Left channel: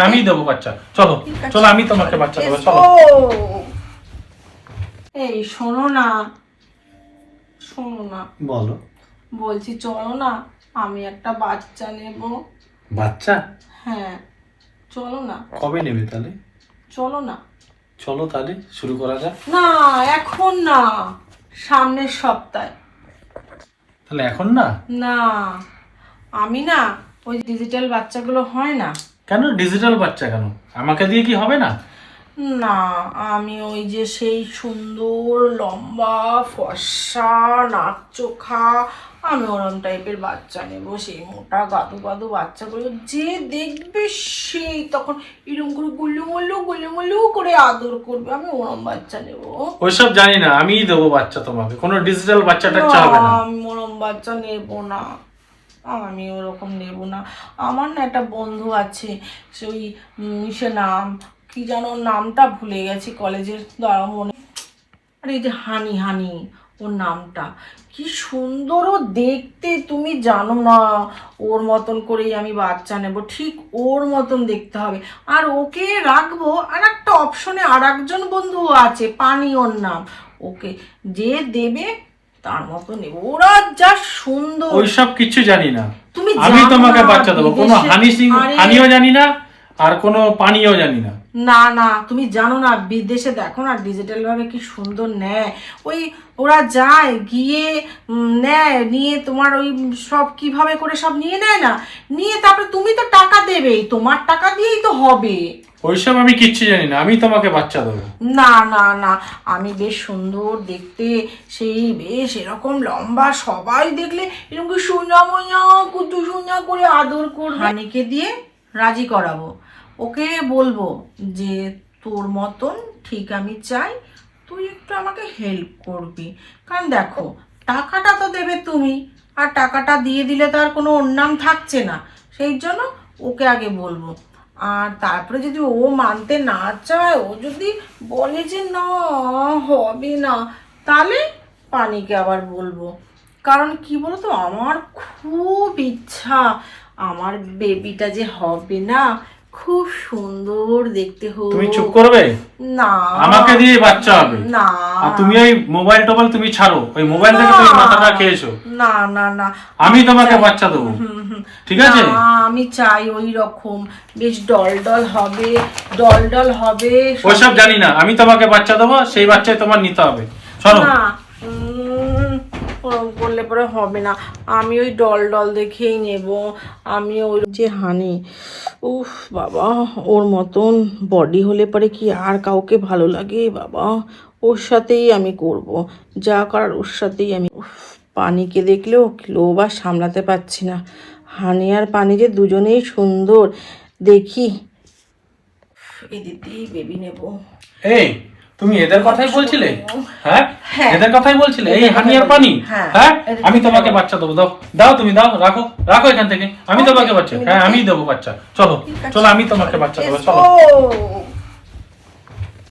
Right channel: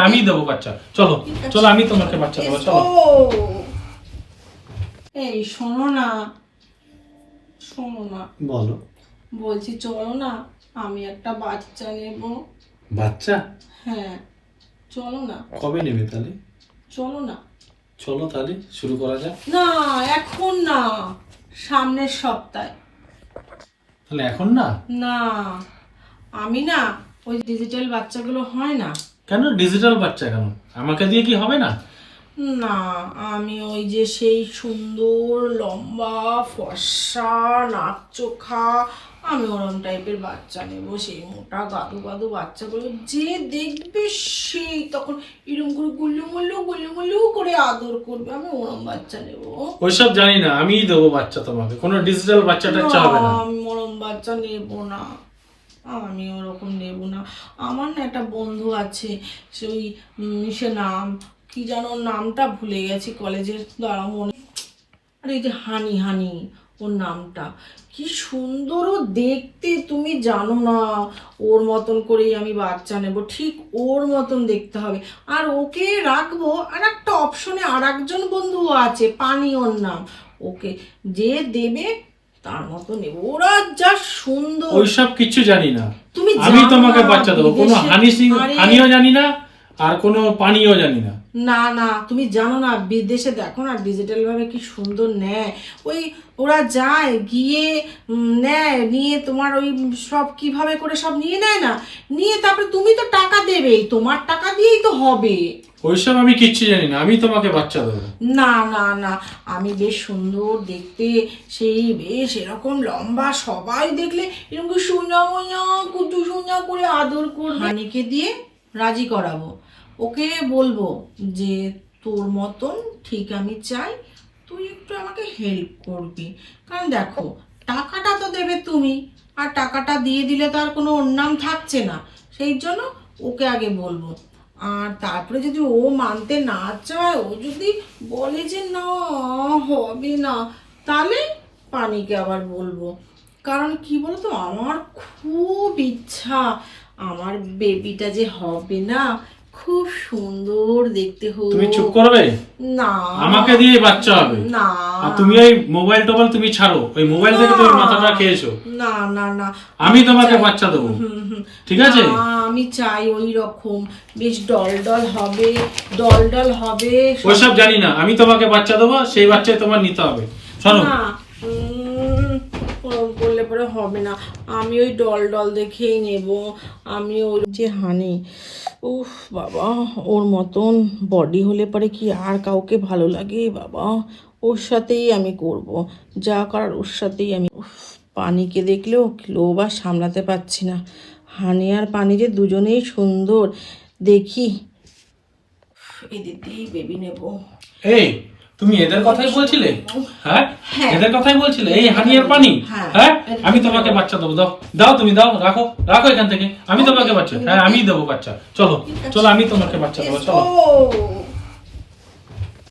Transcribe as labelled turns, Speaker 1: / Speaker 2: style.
Speaker 1: আমি দেবো বাচ্চা। চলো চলো আমি তোমাকে বাচ্চা দেবো চলো।
Speaker 2: এই শোনো না। শোনো না।
Speaker 1: বলো।
Speaker 2: বলছি চলো না আমি একটা বাচ্চা নেব।
Speaker 1: বাচ্চা?
Speaker 2: হ্যাঁ চলো না।
Speaker 1: কবে নেবে তাহলে?
Speaker 2: চলো না।
Speaker 1: চলো তাহলে শুরু করা যাক।
Speaker 2: না এখন না সামনের সপ্তাহে।
Speaker 1: তাহলে এখন না?
Speaker 2: না আমি না ওই ডিজিটাল বাচ্চাগুলো হয় না।
Speaker 1: কেন? ডিজিটাল বাচ্চা কেন? আমাকে দিয়ে কি হবে না?
Speaker 2: না আমি ওই যে সেই সুন্দর লম্বা ফর্সা নাক চোখা আমি ওরম টাইপের বাচ্চা নেব সেই মোটা গাদু গাদু বাচ্চাগুলো যে দেখবে সেই তখন এরকম করে গুল্লু মুল্লু গুল্লু মুল্লু করে আদর করবে আমি ওরম বাচ্চা নেব।
Speaker 1: ওইসব জানি না আমিই দেবো বাচ্চা তোমাকে কোনো ডিজিটাল বাচ্চাটা হবে না।
Speaker 2: আমি ওরম বাচ্চা নেব না। আমি ওরকম নেব না। আমার না একটা বন্ধু আছে সে ওই সে নাম, কি যেন নামটা ভুলে গেছি কলেজের দ্বারা মনে আরে এই যে হানি হানি, ওর নামটা। কি সুন্দর ও দেখতে, তুমি জানো না, ওর মতন করেই আমি বাচ্চা নেব, ঠিক ওর মতন দেখতে হবে। আর ওকে রাখব, আর একটা অপশনে আর একজন বন্ধু আছে, পানি ওর নাম। ওকে যে দেবে তার মতো নেব ওরা যা সুন্দর।
Speaker 1: ওইসব কিছু জানি না।
Speaker 2: তুমি
Speaker 1: আমি তোমাকে বাচ্চা দেবো। কোনো হানি সিং হানিও জানি না আর কোনো পানিও জানি না।
Speaker 2: না না তুমি জানো না বিদেশে দেখো না ডিজিটাল ভাবে কি সুন্দর নেয় ওই ওরা যায় গিয়ে নেয় নিয়ে তোমার ওই সব কীভাবে করে সব নিয়ে নেয় না? নিয়ে তারপরে তুমি তো টাকা দেবেই তোমার টাকা দিয়েই তো হবে।
Speaker 1: ওইসব আমি কিচ্ছু জানি না আমি তোমাকে বাচ্চা দেবো।
Speaker 2: না না না আমি বেশ সুন্দর দেখতে সেই বেশ এরকম লম্বা সবাই দেখলে এরকম কি সোনা মোনা কুতু সোনা করে আদর করবে? হানিকে দিয়ে রাজি করাবো। ওকে বলব যে, তোর মতন ঠিক আমি চাই, তুই একটু আমাকে হেল্প করবি। কারণ দেখো, টাকাটা তো দেবে তুমি, আর টাকাটা দিয়ে দিলে তো আর কোনো নাম থাকছে না। সেই জন্য ওকে আগে বলব। আর তারপরে যদি ও মানতে না চায়, ও যদি বলে যে, না, হবে না, তাহলে পানিকে আবার বলব। কারণ কি বলতো, আমার খুব ইচ্ছা, আমার বেবিটা যে হবে না খুব সুন্দর দেখতে হোক
Speaker 1: তুমি চুপ করবে?
Speaker 2: না।
Speaker 1: আমাকে দিয়ে বাচ্চা হবে।
Speaker 2: না।
Speaker 1: আর তুমি ওই মোবাইল টোবাইল তুমি ছাড়ো। ওই মোবাইল থেকে তুমি মাথাটা খেয়েছো।
Speaker 2: না না না।
Speaker 1: আমি তোমাকে বাচ্চা দেবো। ঠিক আছে?
Speaker 2: আমি চাই ওই রকম। বেশ ডল ডল হবে ডল ডল হবে।
Speaker 1: ওইসব জানি না। আমি তোমাকে বাচ্চা দেবো সেই বাচ্চাই তোমার নিতে হবে। শোনো।
Speaker 2: করলে পরে হবে না। আমি ওই ডল ডল দেখেই নেব। আমি ওই যে হানি, উফ বাবা, ওর মতন বডি হলে পরে কি আর কাউকে ভালো লাগে বাবা? ওর সাথেই আমি করব। যা করার ওর সাথেই আমি পানিকে দেখলেও লোভ আর সামলাতে পারছি না। হানি আর পানি যে দুজনেই সুন্দর, দেখি। এদের দিয়েই বেবি নেব।
Speaker 1: এই তুমি এদের কথাই বলছিলে? হ্যাঁ?
Speaker 2: হ্যাঁ।
Speaker 1: এদের কথাই বলছিলে? এই হানি আর পানি?
Speaker 2: হ্যাঁ।
Speaker 1: হ্যাঁ? আমি তোমাকে বাচ্চা দেবো দাও। দাও তুমি দাও রাখো। রাখো এখান থেকে। আমি তোমাকে বাচ্চা হ্যাঁ আমি দেবো বাচ্চা। চলো চলো আমি তোমাকে বাচ্চা দেবো চলো।